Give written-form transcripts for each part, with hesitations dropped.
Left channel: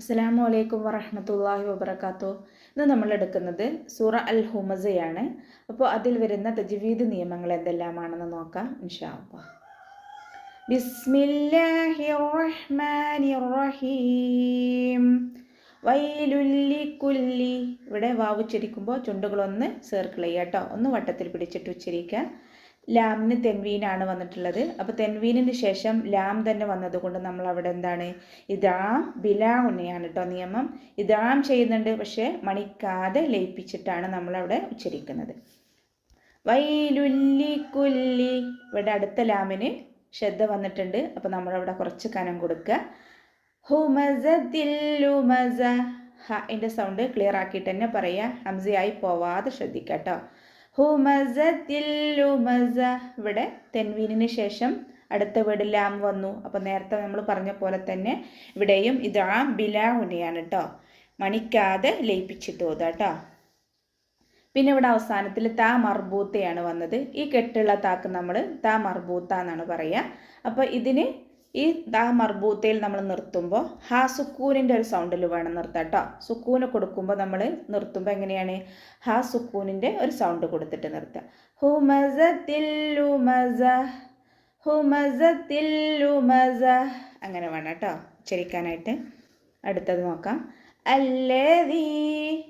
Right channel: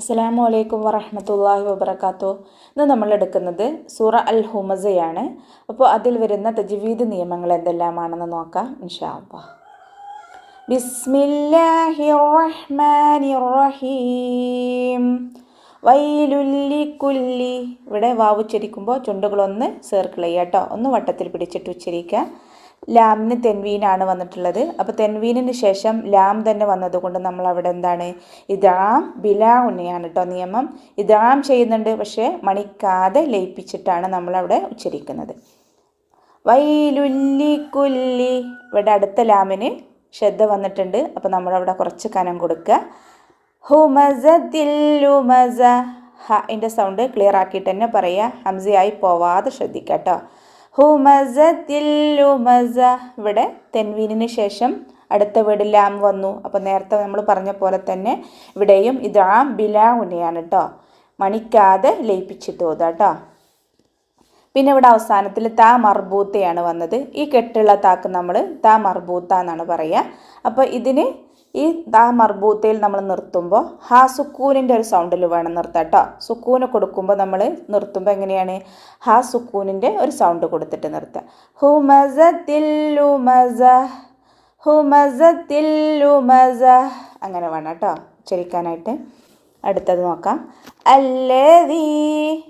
അസ്സലാമു അലൈക്കും വറഹ്മത്തുള്ളാഹി വബറകാതുഹു. ഇന്ന് നമ്മൾ എടുക്കുന്നത് സൂറ അൽ ഹുമസയാണ്. അപ്പോൾ അതിൽ വരുന്ന തജ്വീദ് നിയമങ്ങൾ എന്തെല്ലാമാണെന്ന് നോക്കാം ഇൻഷാ അല്ലാഹ്. ബിസ്മില്ലാഹിർ റഹ്മാനിർ റഹീം. വൈലുൽ ലിക്കുല്ലി. ഇവിടെ വാവ് ഉച്ചരിക്കുമ്പോൾ ചുണ്ടുകളൊന്ന് സർക്കിൾ ചെയ്യുക കേട്ടോ, ഒന്ന് വട്ടത്തിൽ പിടിച്ചിട്ട് ഉച്ചരിക്കുക. ലാമിന് തെൻവീനാണ് വന്നിട്ടുള്ളത്. അപ്പോൾ തെൻവീനിന് ശേഷം ലാം തന്നെ വന്നതുകൊണ്ട് നമ്മൾ അവിടെ എന്താണ് ഇദാം ബിലാ ഉന്നയാണ് കേട്ടോ നിയമം. ഇദാം ചെയ്യുന്നുണ്ട്, പക്ഷേ മണിക്കാതെ ലയിപ്പിച്ചിട്ടാണ് നമ്മളവിടെ ഉച്ചരിക്കുന്നത്. വൈലുല്ലി കുല്ലി. ഇവിടെ അടുത്ത ലാമിന് ശ്രദ്ധ വന്നിട്ടുണ്ട്, അപ്പോൾ നമ്മളവിടെ കുറച്ച് കനം കൊടുക്കുക. ഹുമസത്തിൽ ലുമസ. ഹൻ്റെ സൗണ്ട് ക്ലിയർ ആക്കിയിട്ട് തന്നെ പറയുക, ഹംസയായി പോവാതെ ശ്രദ്ധിക്കുക കേട്ടോ. ഹുമസത്തിൽ ലുമസ. ഇവിടെ തെൻവീനിന് ശേഷം അടുത്ത വീട് ലാം വന്നു. അപ്പോൾ നേരത്തെ നമ്മൾ പറഞ്ഞ പോലെ തന്നെ ഇവിടെയും ഇദാം ബിലാ ഉന്നയാണ് കേട്ടോ, മണിക്കാതെ ലയിപ്പിച്ചിട്ട് ഓതുക കേട്ടോ. പിന്നെ ഇവിടെ അവസാനത്തിൽ താ മർബൂത്തയാണ് വന്നത്. ഈ കെട്ടുള്ള താക്ക് നമ്മൾ താ മർബൂത്ത എന്നാണ് പറയുക. അപ്പോൾ ഇതിന് ഈ താ മർബൂത്തയിൽ നമ്മൾ നിർത്തുമ്പോൾ ഹാ സുക്കൂനിൻ്റെ ഒരു സൗണ്ടിൽ വേണം നിർത്താം കേട്ടോ. സുക്കൂന് കൊടുക്കുമ്പോൾ നമ്മൾ നിർത്തുമ്പോൾ എങ്ങനെയാണ് ഹാ സുക്കൂനിൻ്റെ ഒരു സൗണ്ട് കൊടുത്തിട്ട് നിർത്തുക. ഹുമസത്തിൽ ലുമസ, ഹുമസത്തിൽ ലുമസ, അങ്ങനെ വേണം കേട്ടോ ഉച്ചരിക്കാനായിട്ട്. അടുത്തത് നോക്കാം. അല്ലദീ.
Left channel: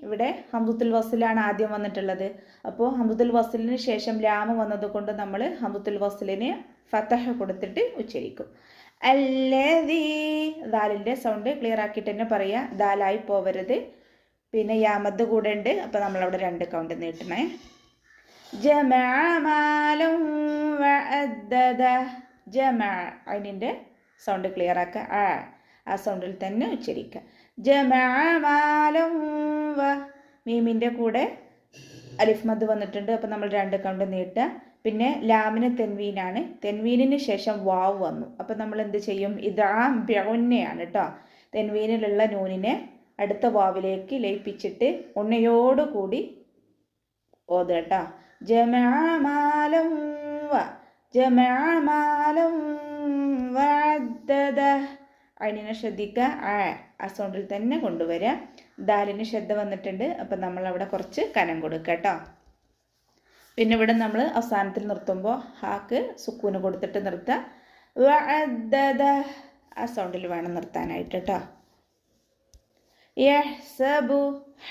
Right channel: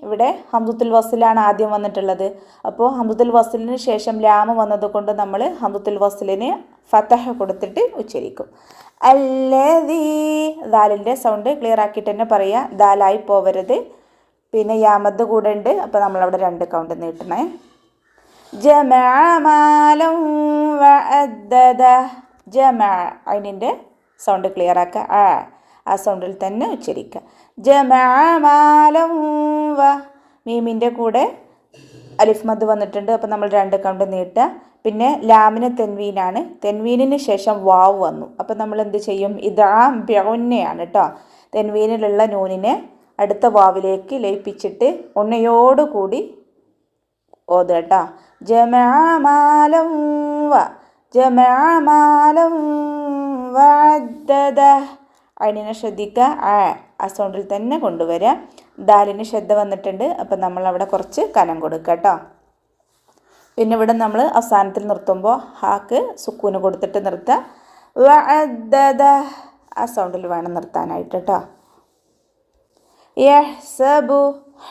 ഇവിടെ ഹംദത്തുൽ വസ്ലിലാണ് ആദ്യം വന്നിട്ടുള്ളത്. അപ്പോൾ ഹംദത്തുൽ വസ്ലിന് ശേഷം ലാമ വന്നതുകൊണ്ട് നമ്മൾ ഹംദത്തുൽ വസ്ലിന് ഫതഹ കൊടുത്തിട്ട് ഉച്ചരിക്കും. അല്ലദീ. ദാലിൻ്റെ സൗണ്ട് ക്ലിയർ ആക്കിയിട്ട് തന്നെ പറയുക, ദാലായി പോവരുത്. പിന്നെ യാമദ് കൂടെ ഉണ്ട്, അപ്പോൾ നമ്മളവിടെ 2 കൗണ്ട് നീട്ടണേ. ജമഅ മാലൻ വഅദ്ദദ. ജമഅ അതിൻ്റെ സൗണ്ട് ക്ലിയർ ആക്കുക, ആ സൗണ്ടിൽ തന്നെ ഉച്ചരിക്കുക. ജമഅ മാലൻ വ. മീമിൻ്റെ കൂടെ അലിഫ് മദ് വന്നിട്ടുണ്ട്, അപ്പോൾ നമ്മൾ 2 കൗണ്ട് നീട്ടുക. പിന്നെ ലാമിന് തെൻവീനാണ്, തെൻവീനിന് ശേഷം വാവ് വന്നു. അപ്പോൾ നമ്മൾ എന്ത് ചെയ്യും, ഇദാം ബിഉന്നയാണ് കേട്ടോ. തെൻവീനിലുള്ള നൂനിനെ അടുത്ത വാവിലേക്ക് ലയിപ്പിച്ചിട്ട് ഉണ്ണയോടുകൂടി ഓതുക കേട്ടോ. ജമഅ മാലൻ വ, ജമഅ മാലൻ വഅദ്ദദ. അതിനെ ശ്രദ്ധിക്കുക, ആ സൗണ്ടിൽ തന്നെ കൊണ്ടുവരിക. ദാലിന് ശ്രദ്ധ വന്നിട്ടുണ്ട്, അപ്പം നമ്മളവിടെ കുറച്ച് കനം കൊടുക്കുക കേട്ടോ. പിന്നെ ഇവിടെ നമ്മൾ അവസാനത്തിൽ നിർത്തുമ്പോൾ ഹാക്ക് സുക്കൂന് കൊടുത്തിട്ട് നിർത്തുക. വഅദ്ദദ, ആ സൗണ്ടിൽ വേണം നിർത്താനായിട്ട് കേട്ടോ. യഹ്സബു. ഹ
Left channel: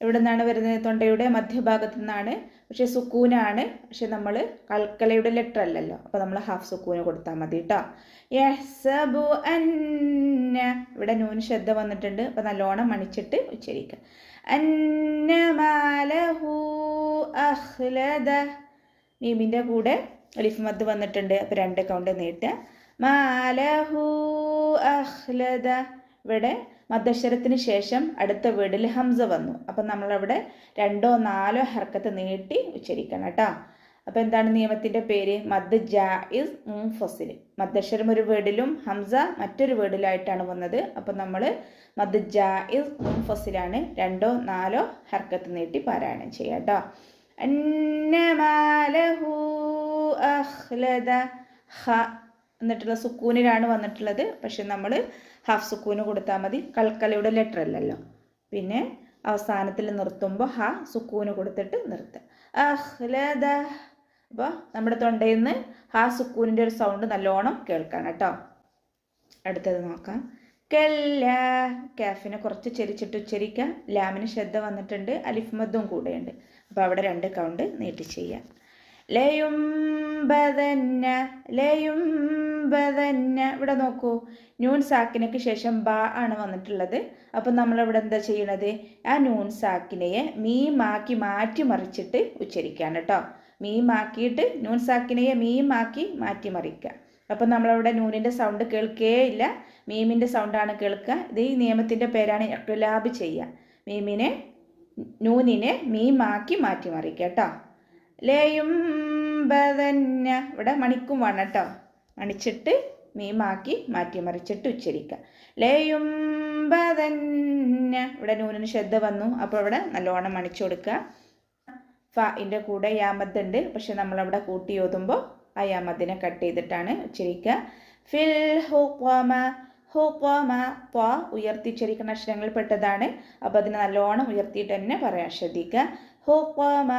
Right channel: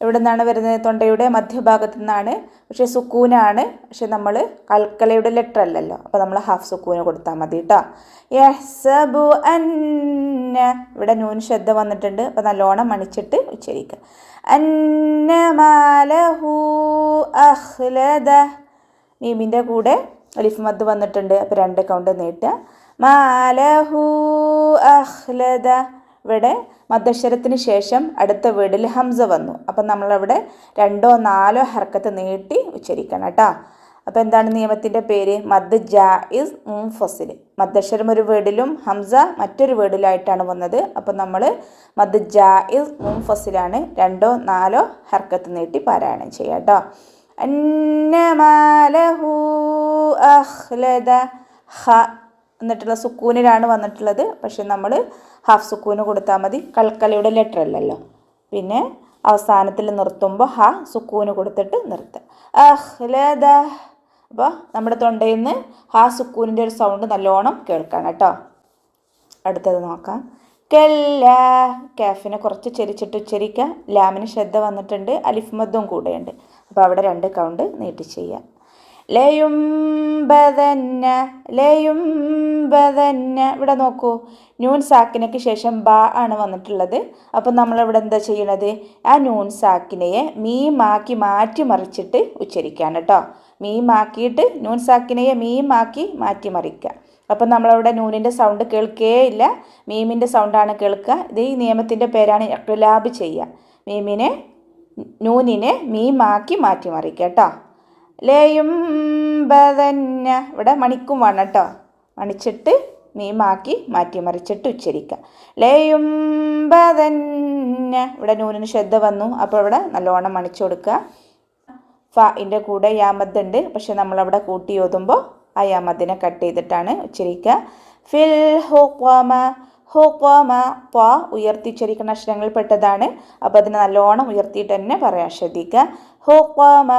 ഇവിടെ നിന്നാണ് വരുന്നത്, തൊണ്ടയുടെ മധ്യഭാഗത്തു നിന്നാണ്, പക്ഷേ സുക്കൂനാണ്. പക്ഷെ നമ്മൾ കൽക്കലയുടെ ലെറ്റർ അല്ലല്ലോ, അപ്പോൾ നമ്മൾ ഹാഫ് സുക്കൂന് കൊടുത്താൽ മതി കേട്ടോ. യഹ്സബു അന്ന. ഇവിടെ നൂൻ ശ്രദ്ധ വന്നിട്ടുണ്ട്, അപ്പോൾ നല്ലോണം മണിച്ചിട്ട് ഉച്ചരിക്കുക. അന്ന മാലഹു അഖ്ലദ. മീമിൻ്റെ കൂടെ അലിഫ് മദ് വന്നിട്ടുണ്ട്, അപ്പോൾ 2 കൗണ്ട് നീട്ടുക. മാലഹു അഖ്ലദ. ഇവിടെ മദ്ദക്ഷരത്തിന് ശേഷം അടുത്ത വീടിൽ ഹംസ വന്നു, അപ്പം നമ്മളവിടെ 2 4 ഹർക്കത്ത് നീട്ടി ഉച്ചരിക്കണം കേട്ടോ. അപ്പോൾ എന്താണ് നിയമത്തിൻ്റെ പേര്, മദ് ജായിസ് മുൻഫസിൽ. മദ്ദക്ഷരം ഒരു വീടിലും ഹംസ മറ്റൊരു വീടിലായിട്ടാണ് വന്നത്. അപ്പോൾ നമ്മൾ മദ് ജായിസ് മുൻഫസിലാണ് 2 4 ഹർക്കത്ത് നീട്ടി പാരായണം ചെയ്യുക കേട്ടോ. അന്നമാലഹു അഖ്ലദ. ഹ എന്നിട്ടുള്ള സുക്കൂനിലാണ് വന്നിട്ടുള്ളത്, പക്ഷെ നമ്മൾ ഹാഫ് സുക്കൂന് കൊടുത്താൽ മതി, കൽക്കലയുടെ ലെറ്റർ അല്ലല്ലോ. പിന്നെ അവസാനത്തിൽ നിർത്തുമ്പോൾ ഹ സുക്കൂന് കൊടുത്തിട്ട് നിർത്തുക. അഖ്ലദ. അപ്പോൾ നമ്മുടെ തൊണ്ടയിൽ നിന്ന് ഹാ സുക്കൂനിൻ്റെ ഒരു സൗണ്ട് നല്ലോണം കേൾക്കാം കേട്ടോ. അടുത്തത് നോക്കാം. കല്ല. കാഫിനെ കുറച്ച് ചെരിച്ചിട്ട് ഉച്ചരിക്കുക. ലാമിന് ശ്രദ്ധ വന്നിട്ടുണ്ട്, അലിഫ് മദ്ദും കൂടെയുണ്ട്, അപ്പോൾ അവിടെ 2 കൗണ്ട് നീട്ടി ചെയ്യുക. ലയുംബദന്ന. ലയുംബദന്ന. ഇവിടെ നോക്കൂ, നൂൻ സാക്കിനയ്ക്ക് ശേഷം ബ ആണ് വന്നിട്ടുള്ളത്. അപ്പം നമ്മളിവിടെ എന്താ ചെയ്യണത്, ആ നൂൻ സാക്കിനയെ മീമാക്കി മാറ്റി മറിച്ചിട്ട് ഉച്ചരിക്കുകയാണ് കേട്ടോ. മീമാക്കിയിട്ട് നൂൻ സാക്കിനയെ മീമാക്കി മാറ്റി മറിക്കുക. അപ്പം നമ്മളവിടെ നൂനിൻ്റെ സൗണ്ട് കേൾക്കേയില്ല, മീമിൻ്റെ സൗണ്ടാണ് കേൾക്കുക. ഇത് ഈ നിയമത്തിൻ്റെ പേരാണ് ഇഖ്ലാബ് ചെയ്യുക. നൂനിനെ മീമാക്കി മാറ്റി മറിക്കുക കേട്ടോ. ലയുംബദന്ന. ഇവിടെ മണിക്കും വേണം കേട്ടോ, മണിച്ചിട്ട് മീമാക്കി മാറ്റി മറിച്ചിട്ട് ഉച്ചരിക്കുക. ലയുംബദന്ന. ഇവിടെ നൂനിന് ശ്രദ്ധ വന്നു, അപ്പോൾ ഇവിടെ നല്ലോണം മണിച്ചു കൊടുക്കുക. ഫഇൻ്റെ കൂടെ യാമദ് ഉണ്ട്, പക്ഷെ നമ്മളവിടെ കൂട്ടി ഓതുമ്പോൾ ആ യാമദിനെ കട്ട് ചെയ്തിട്ടാണ് ഉച്ചരിക്കുക. ഫിൽ ഹുഖമ. ഹുഖമ ത്വ ഉയർത്തിച്ചരിക്കുന്ന അക്ഷരങ്ങളിൽ പെട്ടതാണ്. അപ്പോൾ അതിന് നല്ലോണം ഉയർത്തിയിട്ട് തന്നെ പറയാൻ ശ്രദ്ധിക്കുക. ഹുഖമ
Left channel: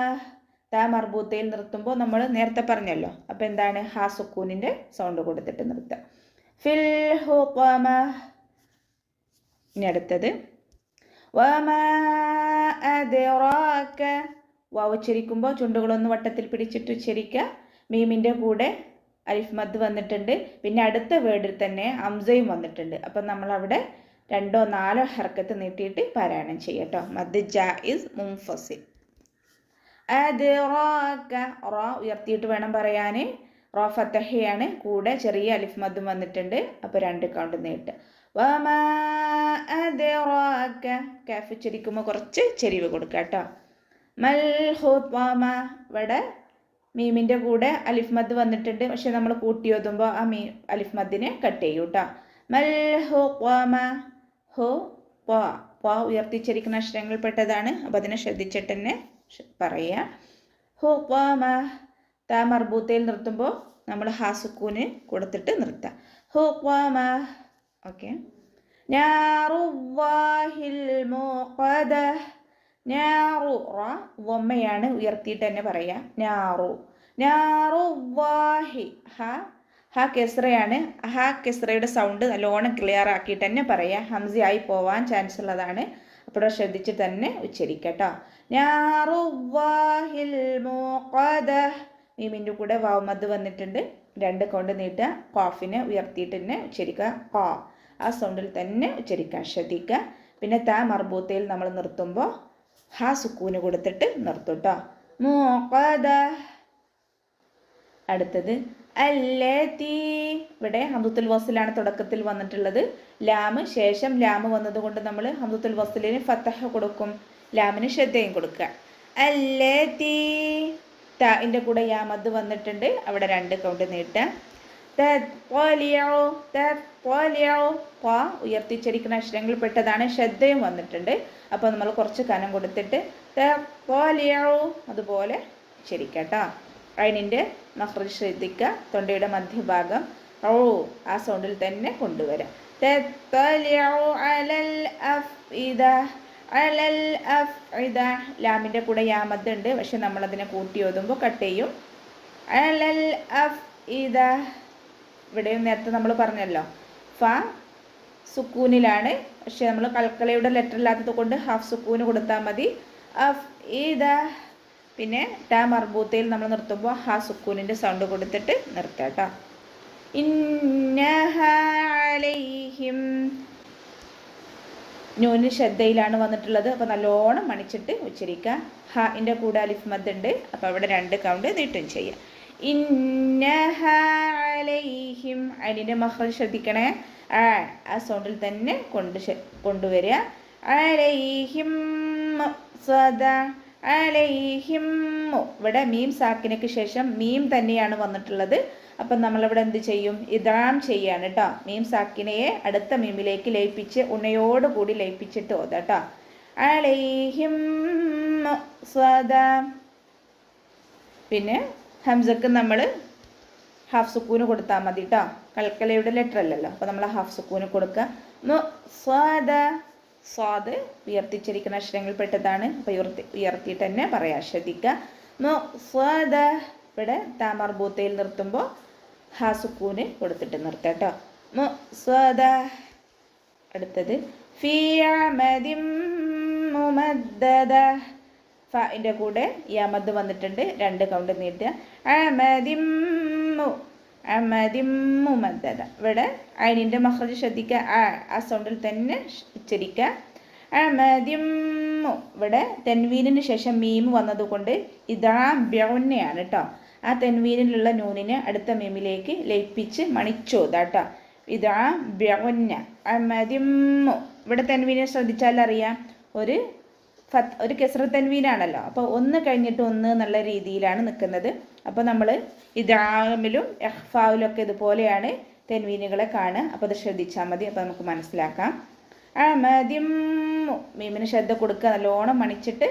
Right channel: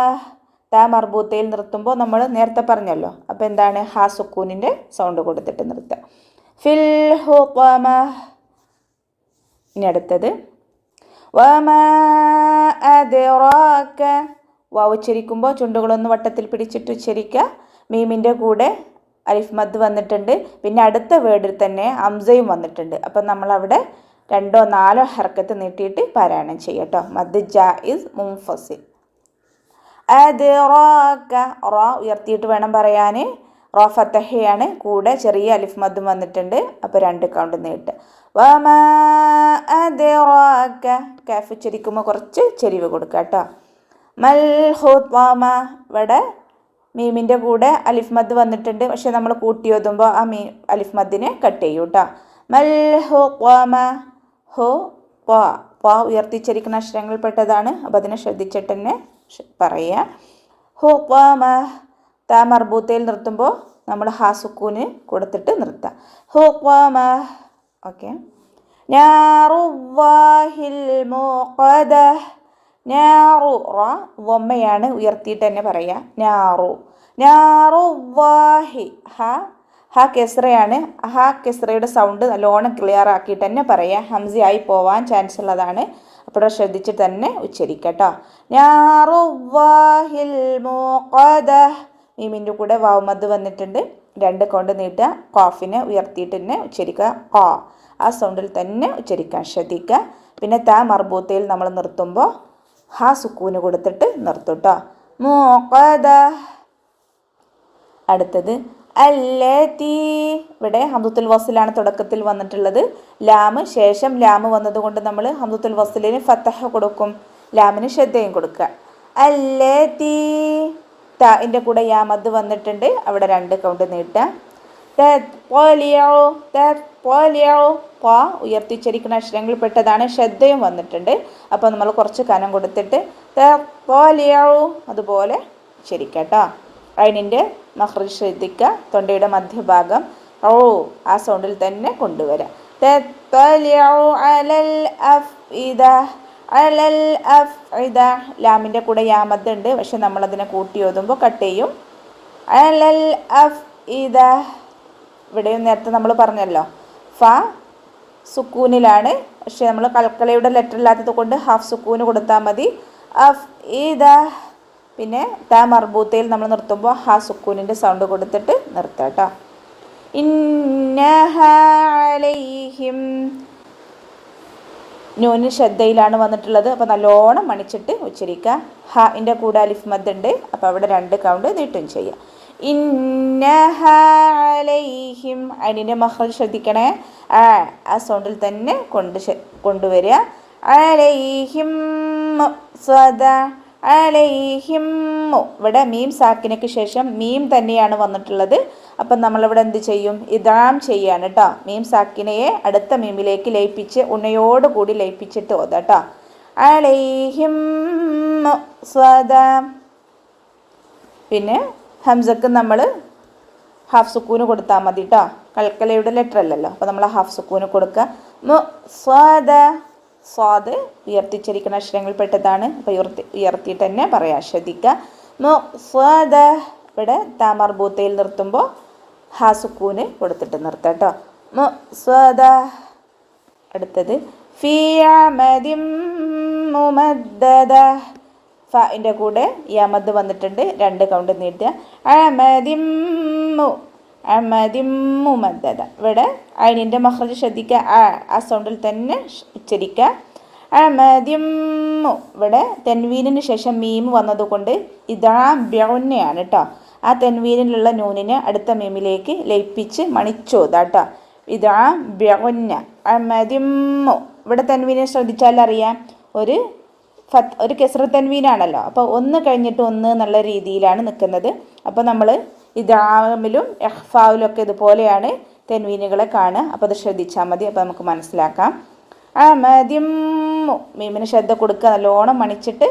ത മർബൂത്തയിൽ നിർത്തുമ്പോൾ നമ്മൾ നേരത്തെ പറഞ്ഞല്ലോ. അപ്പോൾ എന്താണ് ഹാ സുക്കൂനിൻ്റെ സൗണ്ട് കൊടുത്തിട്ട് നിർത്തുക. ഫിൽ ഹുഖമ. ഇനി അടുത്തത് വമാ അദ്റാക. വാവ് ഉച്ചരിക്കുമ്പോൾ ചുണ്ടുകളൊന്ന് വട്ടത്തിൽ പിടിച്ചിട്ട് ഉച്ചരിക്കുക. മീമിൻ്റെ കൂടെ അലിഫ് മദ് വന്നിട്ടുണ്ട്. പിന്നെ അടുത്ത വേർഡിൽ തന്നെ ഹംസയും വന്നിട്ടുണ്ട്. അപ്പം നമ്മളവിടെ 2 or 4 ഹർക്കത്ത് നീട്ടിയിട്ട് പാരായണം ചെയ്യട്ടോ. മദ് ജായിസ് മുൻഫസിൽ. അദ്റാക റ ഉയർത്തിയിട്ട് വേണം പറയാൻ. റ ഫതഹയാണ്, കൂടെ ചെറിയ അലിഫ് മദ്ദും വന്നിട്ടുണ്ട്. അപ്പോൾ 2 കൗണ്ട് നീട്ടുക. വമാ അദ്റാക. കാഫ് ഉച്ചരിക്കുമ്പോൾ കുറച്ച് ചെരിവ് കൊടുക്കുക കേട്ടോ. മൽ ഹുത്വമ. ഇവിടെ മീമിൻ്റെ കൂടെ അലിഫ് മദ് വന്നിട്ടുണ്ട്. പക്ഷെ നമ്മൾ കൂട്ടി ഓതുമ്പോൾ ആ അലിഫ് മദ്ദിനെ കട്ട് ചെയ്യും കേട്ടോ. മൽ ഹുത്വമ. ഹു ത്വ ഉയർത്തിച്ചരിക്കുന്ന അക്ഷരങ്ങളിൽ പെട്ടതാണ്. അപ്പോൾ അതിനെ ശ്രദ്ധിച്ചിട്ട് തന്നെ പറയുക. ഹുത്വമ. ത മർബൂത്തയിൽ നിർത്തുമ്പോൾ നമ്മൾ ഹാ സുക്കൂന് കൊടുത്തിട്ട് നിർത്താം. ഹുത്വമ. ഓക്കെ. നാറുല്ലാഹിൽ മൂഖദ. നാറു റ വമ്മയാണ്, ഉയർത്തിയിട്ട് തന്നെ പറയുക. നാറു നാറുല്ലാഹി. ഹ കെസ്റയാണ്. ഹ കെസ്റയുടെ സൗണ്ട് നല്ലോണം ക്ലിയർ ആക്കിയിട്ട് തന്നെ പറയുക. ഹംസയായി പോവാൻ ചാൻസ് ഉള്ളതാണ്. അപ്പോൾ ശ്രദ്ധിച്ച് തന്നെ ഉച്ചരിക്കട്ടോ. നാറുല്ലാഹിൽ മൂഖദ. മീമിൻ്റെ കൂടെ വാവ് മദ് വന്നിട്ടുണ്ട്. 2 കൗണ്ട് നീട്ടുക. ഖാഫിനെ ഉയർത്തിയിട്ട് തന്നെ ഉച്ചരിക്കുക. ഖാ ആ സൗണ്ടിൽ തന്നെ ഉച്ചരിക്കാൻ ശ്രദ്ധിക്കുക. പിന്നെ ത മർബൂത്തയിൽ നമ്മൾ നിർത്തുമ്പോൾ ഹാ സുക്കൂന് കൊടുത്തിട്ട് നിർത്തും കേട്ടോ. മൂഖദ. അടുത്തത് അല്ലതി. ഇവിടെ ഹംദത്തുൽ വസ്ലാണ് തുടക്കത്തിൽ വന്നിട്ടുള്ളത്. ലാമ് ശേഷം ലാമ് വന്നതുകൊണ്ട് നമ്മൾ ഹംദത്തുൽ വസ്ലിന് ഫതഹ കൊടുക്കും, ലാമിന് ഷദ്ദയും കൊടുക്കുക. അല്ലതി. ത കൂടെ യാ മദ് വന്നിട്ടുണ്ട്. അവിടെ 2 കൗണ്ട് നീട്ടുക. ഉയർത്തിച്ചരിക്കുന്ന അക്ഷരങ്ങളിൽ പെട്ടതാണ്. ശ്രദ്ധയും വന്നിട്ടുണ്ട്. അപ്പോൾ നമ്മൾ കുറച്ച് കനം കൊടുത്തിട്ട് അതുപോലെ ശരിക്കട്ടോ. അതിൻ്റെ മഖ്റജ് ശ്രദ്ധിക്കുക. തൊണ്ടയുടെ മധ്യഭാഗം ആ സൗണ്ടിൽ തന്നെ കൊണ്ടുവരാം. ലാമിൻ്റെ കൂടെ യാമദ് ഉണ്ട്. പക്ഷെ നമ്മളതിനെ കൂട്ടി ഓതുമ്പോൾ കട്ട് ചെയ്യും. അലൽ അഫ് ഇദ. ഇവിടെയും നേരത്തെ നമ്മൾ പറഞ്ഞല്ലോ ഫ സുക്കൂനിലാണ്. പക്ഷെ നമ്മൾ കൽക്കലയുടെ ലെറ്റർ ഇല്ലാത്തത് കൊണ്ട് ഹാഫ് സുക്കൂന് കൊടുത്താൽ മതി. അഫ് ഇദ. പിന്നെ ത മർബൂത്തയിൽ നമ്മൾ നിർത്തുമ്പോൾ ഹാ സുക്കൂനിൻ്റെ സൗണ്ട് കൊടുത്തിട്ട് നിർത്താം കേട്ടോ. ഇന്നഹ അലൈഹിം. നൂന് ശ്രദ്ധയിലാണ് വന്നിട്ടുള്ളത്. അപ്പോൾ നല്ലോണം മണിച്ചിട്ട് ഉച്ചരിക്കുക. ഹാൻ്റെ കൂടെ അലിഫ് മദ് ഉണ്ട്. അപ്പോൾ അവിടെ 2 കൗണ്ട് നീട്ടും ചെയ്യുക. ഇന്നഹ അലൈഹിം. അതിൻ്റെ മഖ്റജ് ശ്രദ്ധിക്കണേ. ആ സൗണ്ടിൽ തന്നെ കൊണ്ടുവരിക. അലൈഹിം സദ. അലൈഹിം. ഇവിടെ മീം സാക്കിനയ്ക്ക് ശേഷം മീം തന്നെയാണ് വന്നിട്ടുള്ളത്. അപ്പം നമ്മളിവിടെ എന്ത് ചെയ്യും? ഇദാം ചെയ്യാണ് കേട്ടോ. മീം സാക്കിനയെ അടുത്ത മീമിലേക്ക് ലയിപ്പിച്ച് ഉണ്ണയോടുകൂടി ലയിപ്പിച്ചിട്ട് ഓതാ കേട്ടോ. അലൈഹിം സദ. പിന്നെ ഹംസക്ക് നമ്മൾ ഹാഫ് സുക്കൂന് കൊടുത്താൽ മതി കേട്ടോ. കൽക്കലയുടെ ലെറ്റർ അല്ലല്ലോ. അപ്പോൾ നമ്മൾ ഹാഫ് സുക്കൂന് കൊടുക്കുക. സ്വാദ. സ്വാദ് ഉയർത്തിച്ചരിക്കുന്ന അക്ഷരങ്ങളിൽ പെട്ടതാണ്. അപ്പോൾ ഉയർത്തിയിട്ട് തന്നെ പറയാൻ ശ്രദ്ധിക്കുക. സ്വാദ. ഇവിടെ ത മർബൂത്തയിൽ നിർത്തുമ്പോൾ ഹാ സുക്കൂന് കൊടുത്തിട്ട് നിർത്താം കേട്ടോ. സ്വാദ. അടുത്തത് ഫീ അമദിൻ മുമദ്ദദ. ഫിൻ്റെ കൂടെ യമദ് വന്നിട്ടുണ്ട്. 2 കൗണ്ട് നീട്ടുക. അമദിമ്മു മദ്ദദ. ഇവിടെ അയിനിൻ്റെ മഖ്റജ് ശ്രദ്ധിക്കുക. ആ സൗണ്ടിൽ തന്നെ ഉച്ചരിക്കുക. അമദിമ്മു. ഇവിടെ തെൻവീനിന് ശേഷം മീം വന്നതുകൊണ്ട് ഇതാ ബ്യൗന്നയാണ് കേട്ടോ. ആ തെൻവീനിലുള്ള നൂനിനെ അടുത്ത മീമിലേക്ക് ലയിപ്പിച്ച് മണിച്ചോതാ കേട്ടോ. ഇതാ ബ്യൗന്ന. അമദിമ്മു. ഇവിടെ തെൻവീനെ ശ്രദ്ധിച്ചാലറിയാം ഒരു കെസ്ര തൻവീനാണല്ലോ. അപ്പോൾ 1 കഴിഞ്ഞിട്ട് 1 എന്നുള്ള രീതിയിലാണ് നിൽക്കുന്നത്. അപ്പോൾ നമ്മൾ ഇദാമിലും ഇഖ്ഫാവിലും ഒക്കെ ഇതുപോലെയാണ് തെൻവീനുകളെ കാണുക. അപ്പോൾ അത് ശ്രദ്ധിച്ചാൽ മതി. അപ്പോൾ നമുക്ക് മനസ്സിലാക്കാം. അമദിമ്മു. മീമിന് ശ്രദ്ധ കൊടുക്കുക, നല്ലോണം മണിച്ചിട്ട്.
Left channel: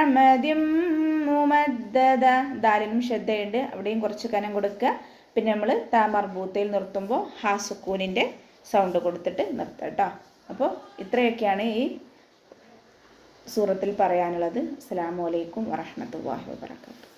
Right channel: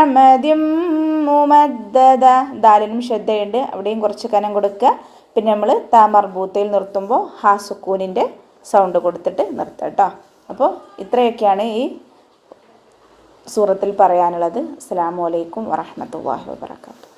അമദിമ്മു മദ്ദദ. ദാലിനും ശ്രദ്ധയുണ്ട്, അവിടെയും കുറച്ച് കനം കൊടുക്കുക. പിന്നെ നമ്മൾ ത മർബൂത്തയിൽ നിർത്തുമ്പോൾ ഹാ സുക്കൂനിൻ്റെ സൗണ്ട് കൊടുത്തിട്ട് നിർത്തുക കേട്ടോ. അപ്പോൾ ഇത്രയൊക്കെയാണ് ഈ സൂറത്തിൽ പറയാനുള്ളത്. അസ്സലാമു അലൈക്കും വറഹ്മത്തുള്ളാഹി വബറകാതുഹു.